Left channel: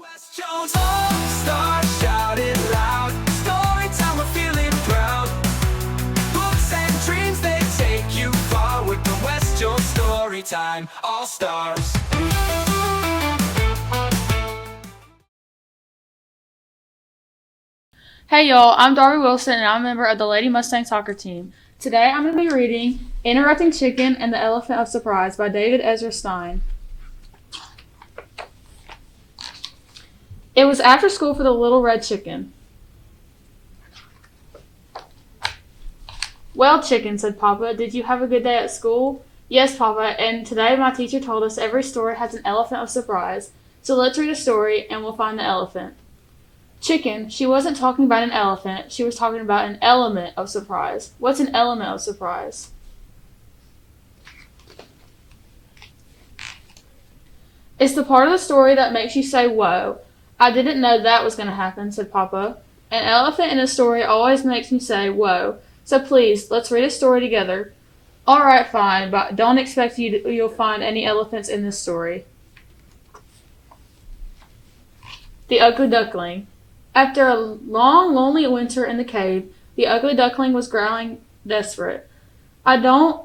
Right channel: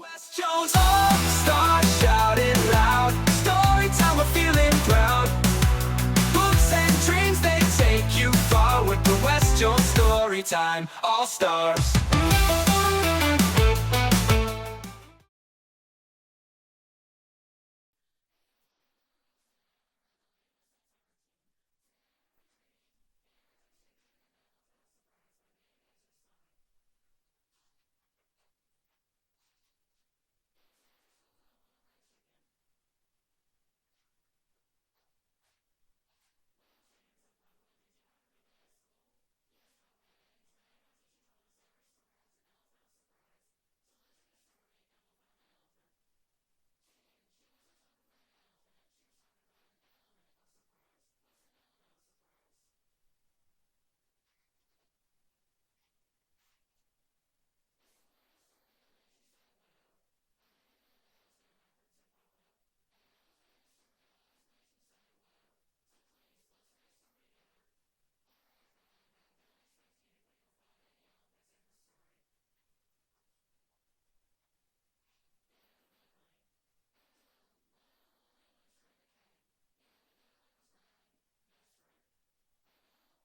West Jones All-Star, shout it loud. Storytime, we're feeling proud. Books and dreams, they take you far with the West Jones Storytime All-Stars. Hey y'all, I'm Darby Wilson and I'm a member of the Lady Mustang Soccer Team. Today I'm going to be reading Interrupting Chicken and the Elephant of Surprise by Ezra Stein. It was after school for the little red chicken. Well, chicken, said Papa, did you have a good day at school? Yes, Papa, and today my teacher told us every story has an elephant of surprise. So let's read a story and we'll find the elephant. Chicken, she wasn't talking about an elephant, she was talking about an element of surprise. What's an element of surprise? It's the part of the story that makes you say, whoa, I didn't know that was going to happen, said Papa. An elephant in a story always makes me say, whoa, so please, let's read a story together. Alright, fine, but don't expect you'll find any elephants in this story. The Ugly Duckling. After a long, lonely winter in the cave, the ugly duckling was growling desperate. I don't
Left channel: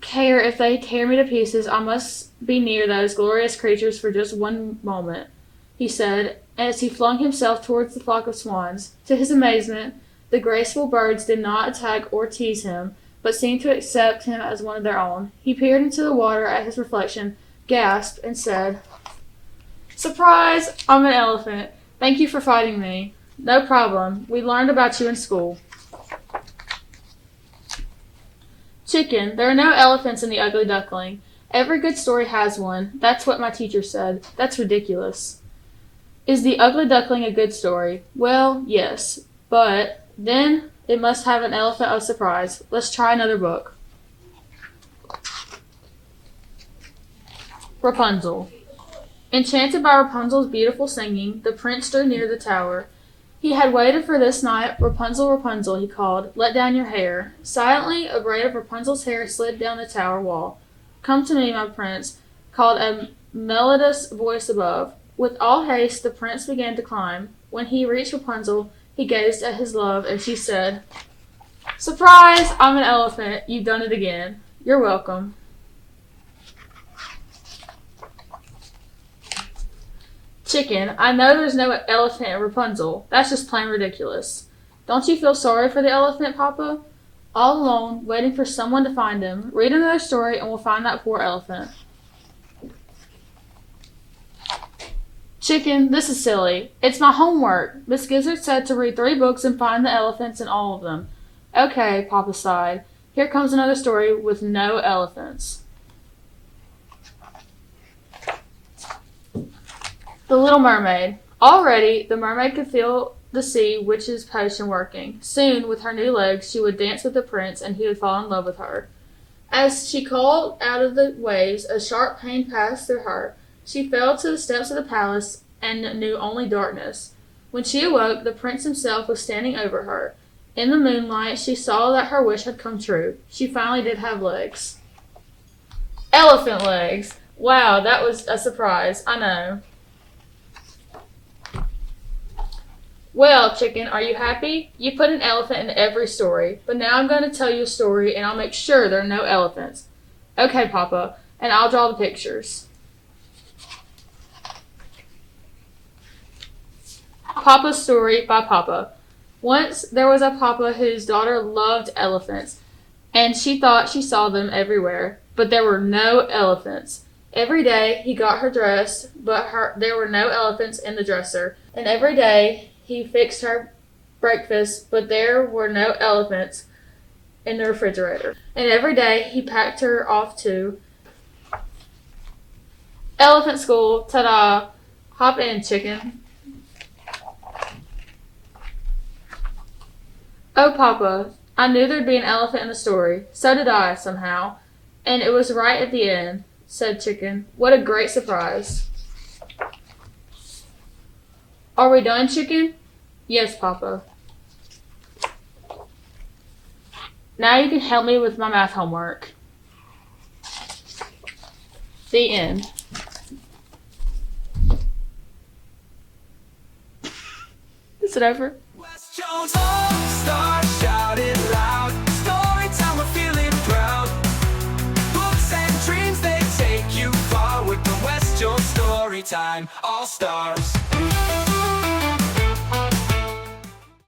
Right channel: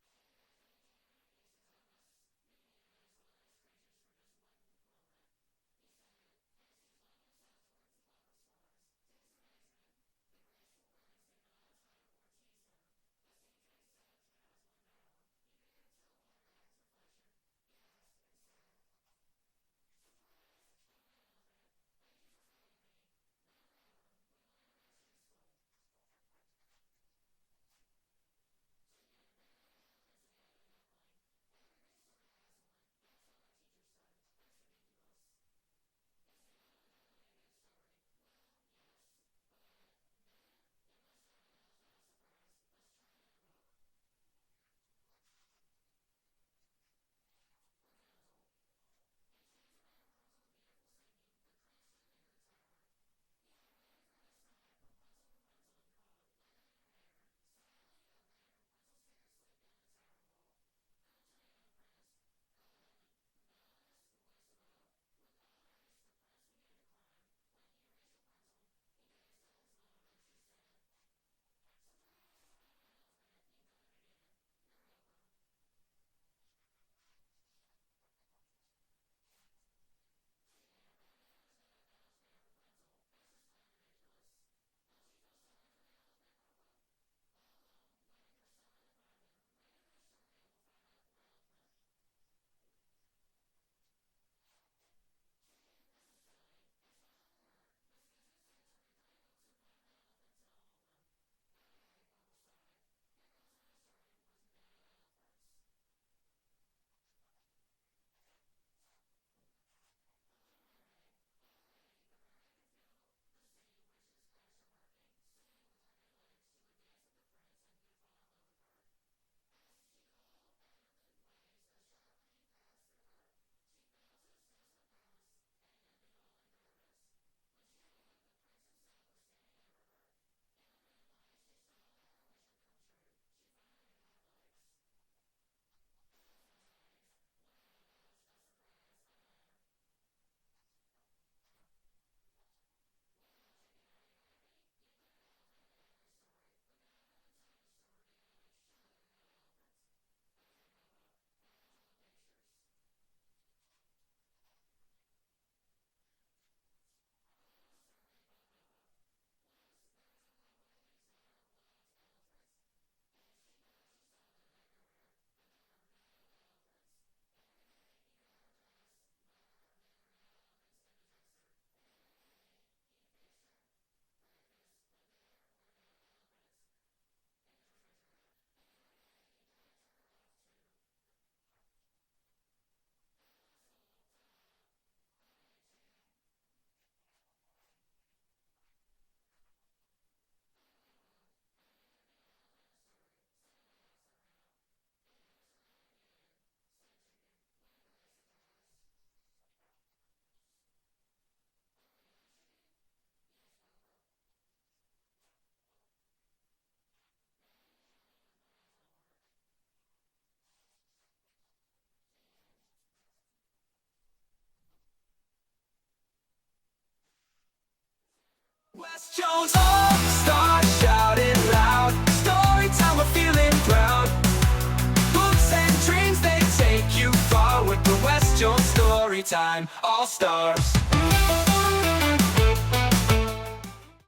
care if they tear me to pieces, I must be near those glorious creatures for just one moment, he said, as he flung himself towards the flock of swans. To his amazement, the graceful birds did not attack or tease him, but seemed to accept him as one of their own. He peered into the water at his reflection, gasped, and said, "Surprise! I'm an elephant. Thank you for fighting me." No problem. We learned about you in school. Chicken, there are no elephants in the Ugly Duckling. Every good story has one. That's what my teacher said. That's ridiculous. Is the Ugly Duckling a good story? Well, yes. But then it must have an elephant of surprise. Let's try another book. Rapunzel. Enchanted by Rapunzel's beautiful singing, the prince drew near the tower. He had waited for this night. Rapunzel, Rapunzel, he called, let down your hair. Silently, a braid of Rapunzel's hair slid down the tower wall. Come to me, my prince, called a melodious voice above. With all haste, the prince began to climb. When he reached Rapunzel, he gazed at his love, and she said, "Surprise! I'm an elephant. You've done it again. You're welcome." Chicken, I know there's no elephant in Rapunzel. That's just plain ridiculous. Don't you feel sorry for the elephant, Papa? All alone, waiting for someone to find him. Read another story and we'll find that poor elephant. Chicken, this is silly. It's my homework. Miss Gizzard said to read 3 books and find the elephants in all of them. Okay, Papa sighed. Here comes another story with no elephants. The Little Mermaid. Already, the mermaid could feel the sea witch's potion working. Soon, with her new legs, she would dance with the prince and he would fall in love with her. As she called out of the waves, a sharp pain passed through her. She fell to the steps of the palace and knew only darkness. When she awoke, the prince himself was standing over her. In the moonlight, she saw that her wish had come true. She finally did have legs. Elephant legs! Wow, that was a surprise, I know. Well, Chicken, are you happy? You put an elephant in every story, but now I'm going to tell you a story and I'll make sure there are no elephants. Okay, Papa, and I'll draw the pictures. Papa's Story by Papa. Once there was a Papa whose daughter loved elephants, and she thought she saw them everywhere, but there were no elephants. Every day he got her dressed, but there were no elephants in the dresser, and every day he fixed her breakfast, but there were no elephants in the refrigerator. And every day he packed her off to elephant school. Ta-da! Hop in, Chicken. Oh, Papa, I knew there'd be an elephant in the story. So did I, somehow. And it was right at the end, said Chicken. What a great surprise. Are we done, Chicken? Yes, Papa. Now you can help me with my math homework. The end. it over. West Jones All-Star, shout it loud. Storytime, we're feeling proud. Hopes and dreams, they take you far with the West Jones Storytime All-Stars.